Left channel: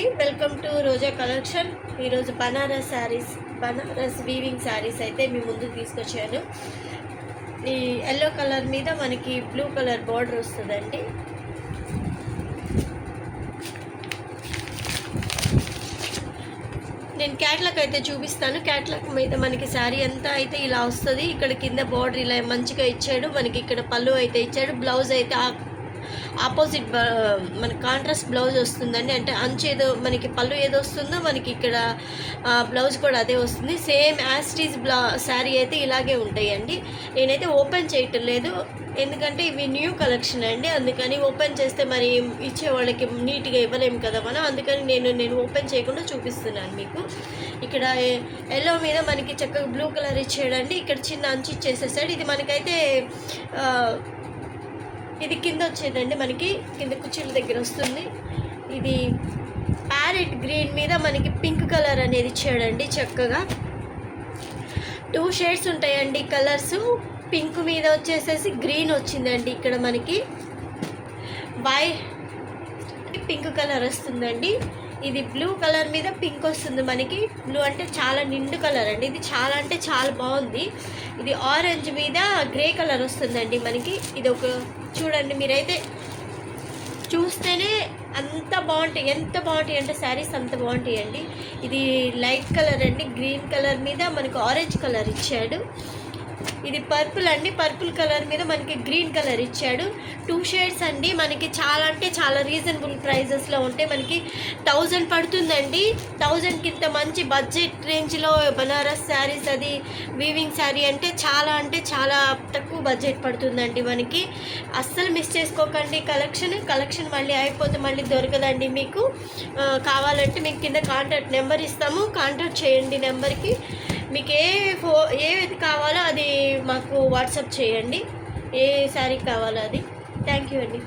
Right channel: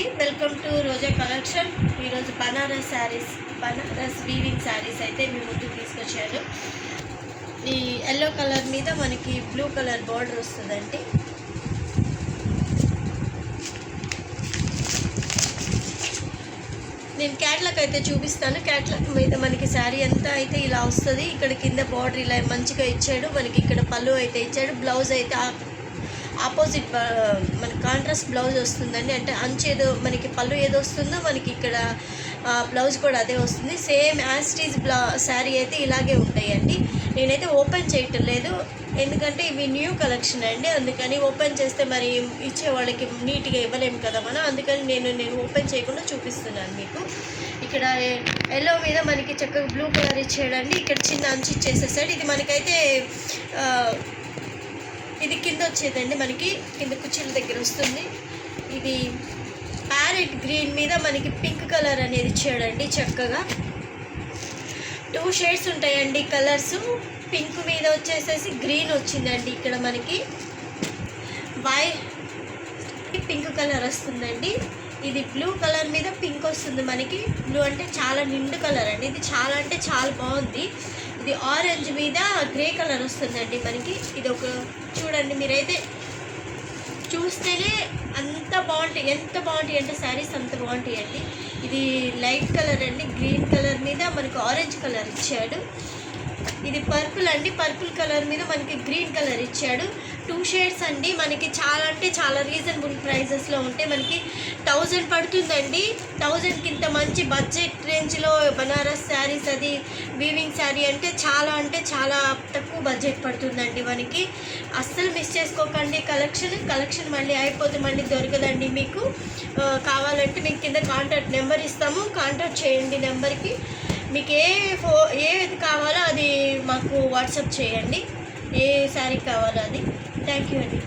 అండి, welcome to Roja collection. ఈరోజు Banaras weaving saris అయితే మీ ముందుకు తీసుకొచ్చాను. ఈ ఎల్లో కలర్ మీద మనకి బ్లూ కలర్ బార్డర్ వస్తుందండి. నేను క్యాట్లాగ్ అయితే చూపిస్తాను. క్యాట్లాగ్ మీద మనకి శారీ అంతా అయితే ఇలా వస్తుంది. ఇక్కడ కింద బార్డర్ ఇలా మంచిగా ఇచ్చాడు. మనకి ఇక్కడ పళ్ళు అయితే ఇచ్చాడు. బ్లౌజ్ అయితే ఆపోజిట్ మనకి కాంట్రాస్ట్ బ్లౌజ్ వస్తుందండి. అంటే అంచు ఏదో మనకి పళ్ళు ఏదో వస్తుందో మనకి ఇక్కడ బ్లౌజ్ కూడా అదే వస్తుంది. సేమ్ యాస్టీజ్ శారీ అయితే ఇలాగే ఉంటాయండి. నేనైతే ఓపెన్ చేయటం లేదు, ఎందుకంటే ఇవి న్యూ కలెక్షన్ అండి. అందుకని ఓపెన్ చేస్తే మరి ఇచ్చే వాళ్ళకి నీట్గా ఇవ్వలేము కదా మనం. అందుకని నేను ఓపెన్ చేయకుండా చూపిస్తున్నాను మీకు. ఇక్కడ ఎల్లో మీద మనకి చక్కగా బ్లూ కలర్ ఇచ్చాడండి. ఇక్కడ చిన్న అంచు ఇచ్చేసేసాడు. ఇది మనకైతే ఇది కింద వచ్చేదండి, మనకి కింద కుర్చీల దగ్గర వస్తుంది. ఇది ప్యారెట్ గ్రీన్ మీద మనకి పింక్ కలర్ అనేది ఇచ్చాడండి. చక్కగా 2 షేడ్స్ ఉంటాయండి కలర్స్. పింక్ మీద వచ్చేసేసి గ్రీన్ వచ్చిందండి. ఇక్కడ మనకి పింక్ కలర్ వస్తుందండి. ఇది బ్లూ కలర్ మీద పింక్ వస్తుంది. మనకి బ్లూ అంటే చాలా నిండు కలర్ అండి. ఇది చాలా అంటే చాలా బాగుంది. ఇది ఆరెంజ్ మీద గ్రే కలర్ వస్తుందండి మనకి. ఇది ఒక చూడండి, మీరైతే చూస్తేనే అంత బాగుంటాయి. ఎంత బాగుంటాయి అంటే శారీస్ అంత బాగుంటాయి అండి. ఇది లైట్ కలర్ అండి. గ్రీన్ కలర్ మీద మనకి ఆరెంజ్ కలర్ ఇచ్చాడు. ఇది పర్పుల్ అండి. పర్పుల్ కలర్ మీద మనకి గ్రీన్ కలర్ ఇచ్చాడు. 2 షేడ్స్ అండి. మనకి చాలా అంటే చాలా రీజనబుల్ ప్రైజెస్లో ఉంటే మనకి 1000 పడుతుందండి. 1000కి ఇంత మంచి బడ్జెట్ రేంజ్లో బనారస్ శారీస్, అది వీవింగ్ శారీ అంటే చాలా తక్కువ బడ్జెట్ పడుతుందండి మనకి. అస్సలు మిస్ చేసుకోకండి. కలెక్షన్ మళ్ళీ అయిపోతే మళ్ళీ దొరకదండి మీకు. కావాలంటే మీకు కింద కాంటాక్ట్ నెంబర్ ఇస్తాము, కాంటాక్ట్ చేయండి నెంబర్కి. మీకు ఏది కావాలో అది మాకు వాట్సాప్ చేయండి. ఏ శారీ కావాలో అది. థ్యాంక్ యూ అండి.